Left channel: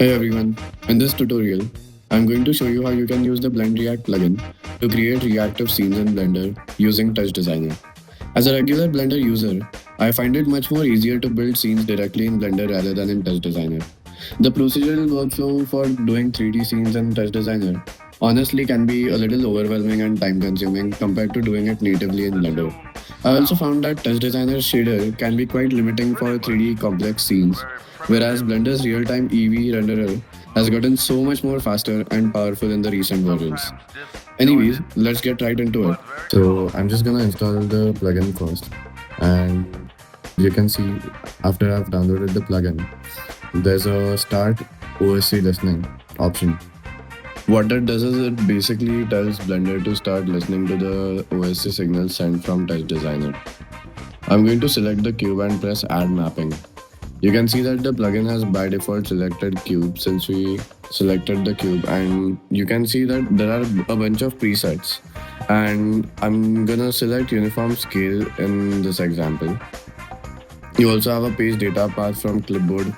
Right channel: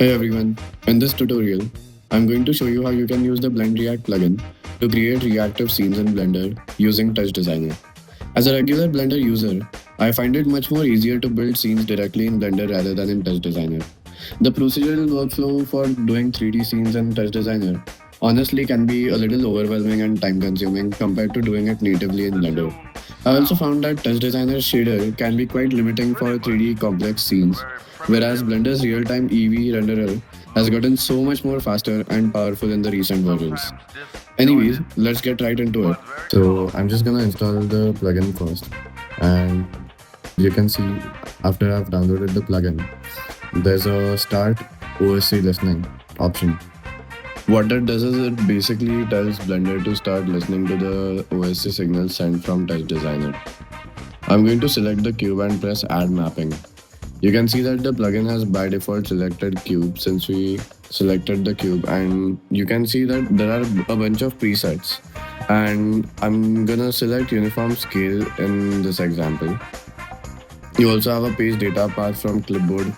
Hey everyone, in this tutorial, I'm going to show you how you can use the Blend React plugin to create reactive scenes in Blender using Touch Designer. As a regular Blender user, I find it much more easier to build scenes directly in Blender rather than in Touch Designer. The procedural workflow for doing 3D scenes in Touch Designer honestly can be a little overwhelming and time consuming compared to doing it natively in Blender. I also found that Touch Designer's shader can be quite limiting for 3D complex scenes, whereas Blender's real-time EV renderer has gotten so much more faster and powerful in the recent versions. Anyways, let's get right into it. So I'm just gonna install the plugin first, and you can see after I've downloaded the plugin, there's a start OSC listening option. What that does is it basically tells Blender to start listening to the OSC signals sent from Touch Designer. I'm going to select the cube and press add mapping. You can see that the plugin has by default selected cube since we selected the cube, and you can see that there are a bunch of presets, and I'm gonna select uniform scale in this example. You also have a page data path from clipboard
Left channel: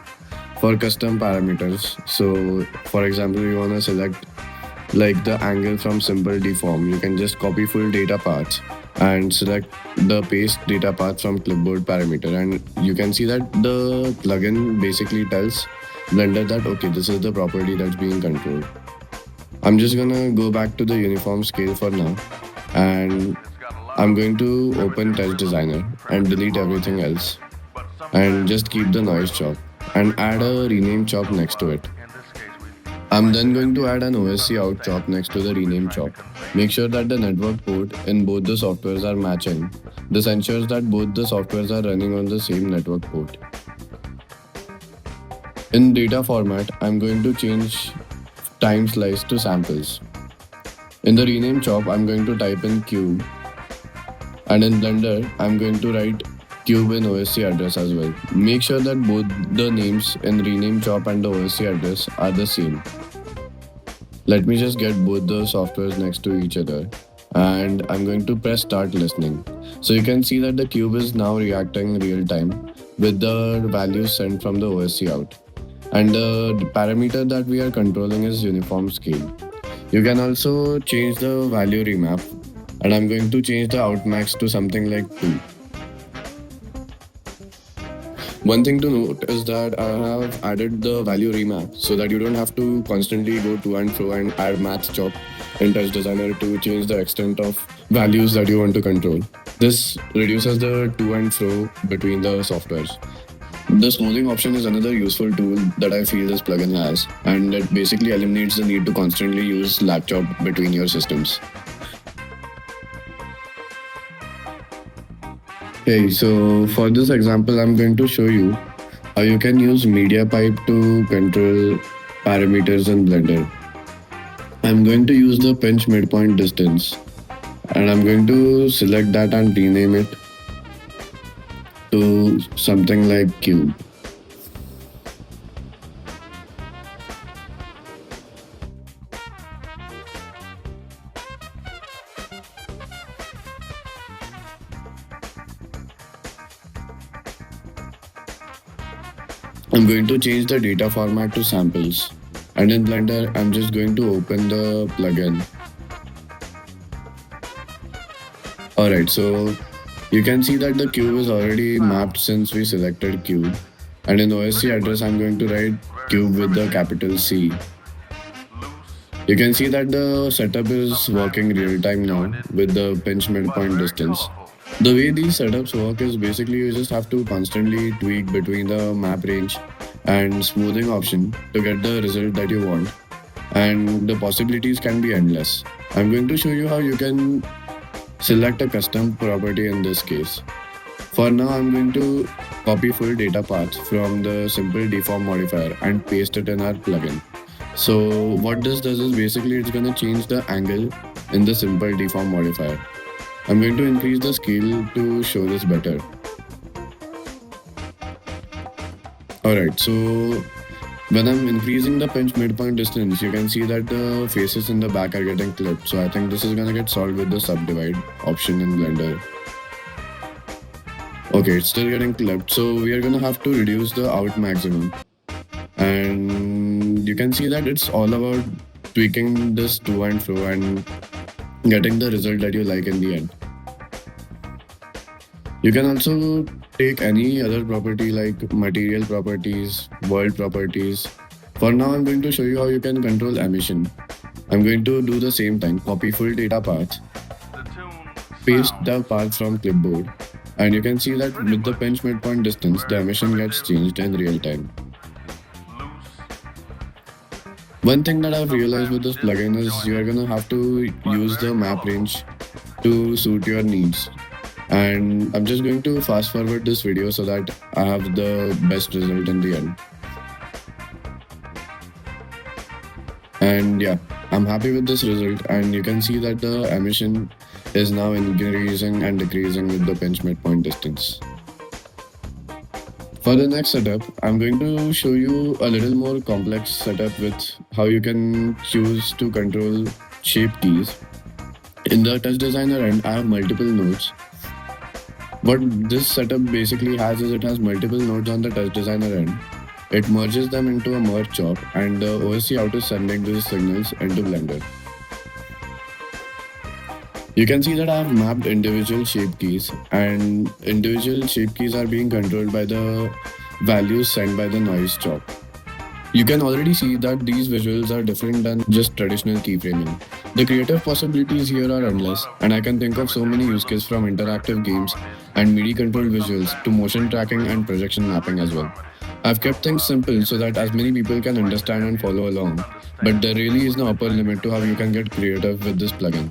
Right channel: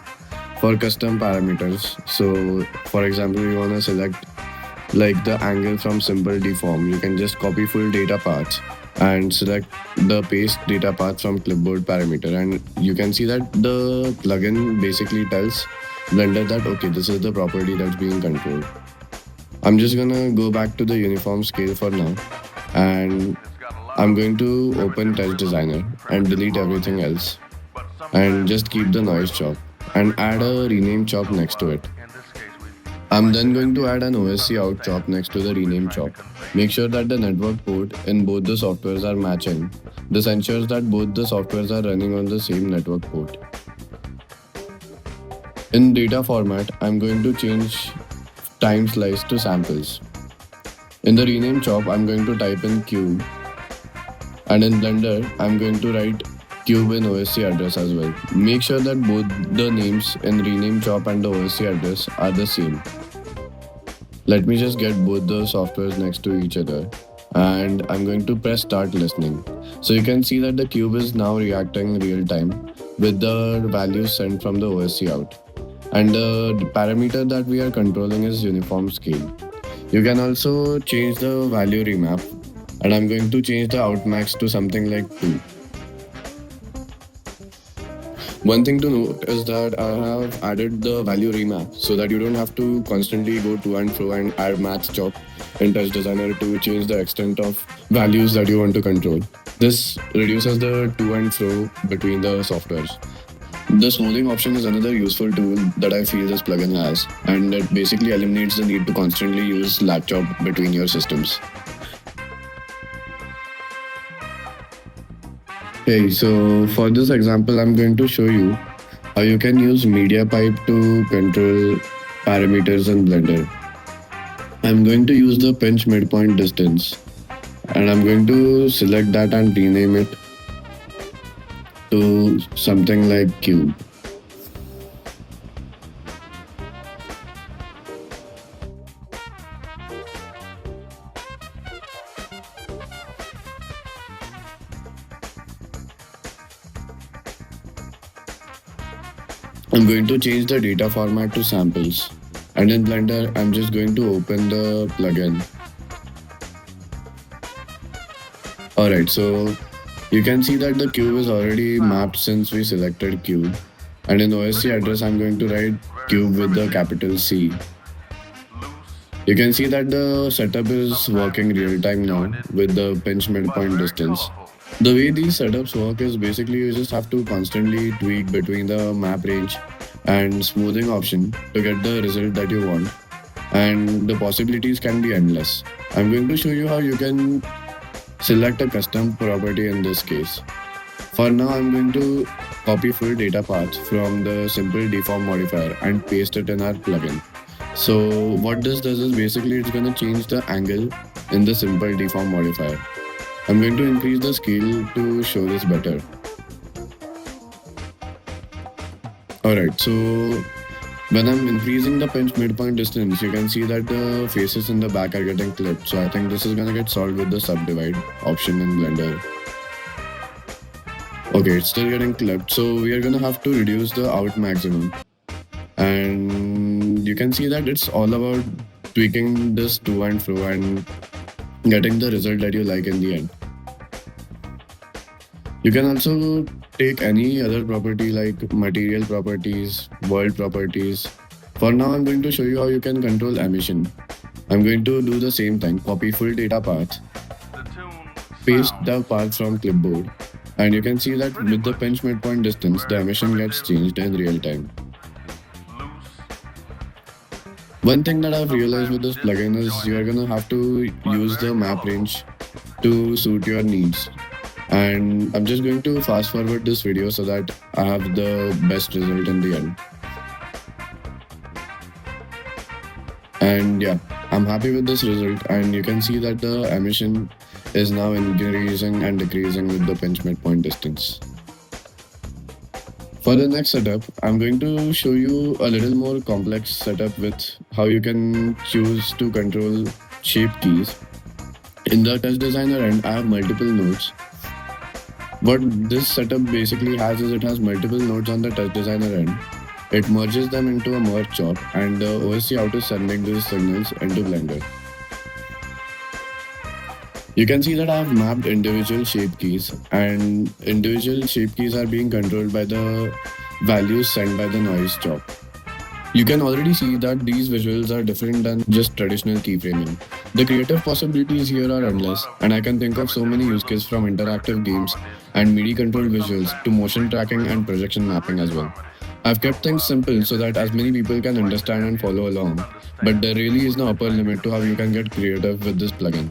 for custom parameters. So for example, you want to select like the angle from simple deform, you can just copy full data paths and select the paste data path from clipboard parameter, and you can see that the plugin basically tells Blender that okay, this is the property that's being controlled. I'm just gonna go back to the uniform scale for now, and I'm going to open Touch Designer and delete everything else and just keep the noise chop and add a rename chop next to it. I'm then going to add an OSC out chop next to the rename chop. Make sure that the network port in both the softwares are matching. This ensures that both the softwares are running on the same network port. In data format, I'm going to change time slice to samples. In the rename chop, I'm going to type in cube, and in Blender, I'm going to write cube in OSC address as well. Make sure that both the names in rename chop and the OSC address are the same. Let me just get both the softwares next to each other, and I'm going to press start listening. So you can see that the cube is now reacting real time with the values sent from the OSC out. And the parameter that we are controlling is uniform scale. You can also change the value remap, and I'm going to change the outmax to something like 2. One thing to note is that I have added the value remap so that you don't have to constantly go to and fro and add math chop in Touch Designer to change the extent of values that you want to control. This reduces the to and fro between the softwares. The smoothing option is another useful tool that I feel this plugin has, and it basically eliminates the need to constantly use lag chop between your systems. Hey, so for this example, I'm going to show you how you can use media pipe to control parameters in Blender. I'm going to use the pinch midpoint distance, and I'm going to select that and rename it to something like cube. I'm going to change the data format to samples, and in Blender, I'm just going to open the plugin. Alright, so you can see that the cube is already mapped since we selected cube, and in OSC address, I'm going to write cube with the capital C. You can see that the setup is working real time now with the pinch midpoint distance. The way these setups work is basically you just have to constantly tweak between the map range and smoothing option to get the result that you want. And the possibilities can be endless. I'm going to show you how you can select a custom property in this case. For now, I'm going to copy full data path from the simple deform modifier and paste it in our plugin. So what this does is basically it's going to change the angle in the simple deform modifier. I'm going to increase the scale to show this better. Alright, so when I'm increasing the pinch midpoint distance, you can see that the faces in the back are getting clipped. So I think this is going to get solved with the subdivide option in Blender. Okay, it's still getting clipped, so we are going to have to reduce the out maximum. And you can see that it's all about tweaking this to and fro and getting the result that you like in the end. You can also take any other property like material properties, world properties. For now, I'm going to show you how you can control emission. I'm going to do the same thing, copy full data path, paste the path from clipboard, and you can see that with the pinch midpoint distance, the emission gets changed in real time. One thing that I've realized with this plugin is you're gonna have to use the map range to suit your needs. And I'm just going to fast forward this video so that I have the best result in the end. And yeah, I'm happy with this result, and you can see that the emission is now increasing and decreasing with the pinch midpoint distance. For the next setup, I'm going to show you a little more complex setup with how you can choose to control shape keys. In the touch designer end, I have multiple nodes. What this setup basically has is it has multiple nodes on the touch designer end. It merges them into a merge job, and the OSC out is sending these signals into Blender. You can see that I have mapped individual shape keys, and individual shape keys are being controlled by the values sent by the noise job. You can already see that these visuals are different than just traditional keyframing. The creative possibilities here are endless, and I can think of so many use cases from interactive games and MIDI controlled visuals to motion tracking and projection mapping as well. I've kept things simple so that as many people can understand and follow along, but there really is no upper limit to how you can get creative with this plugin.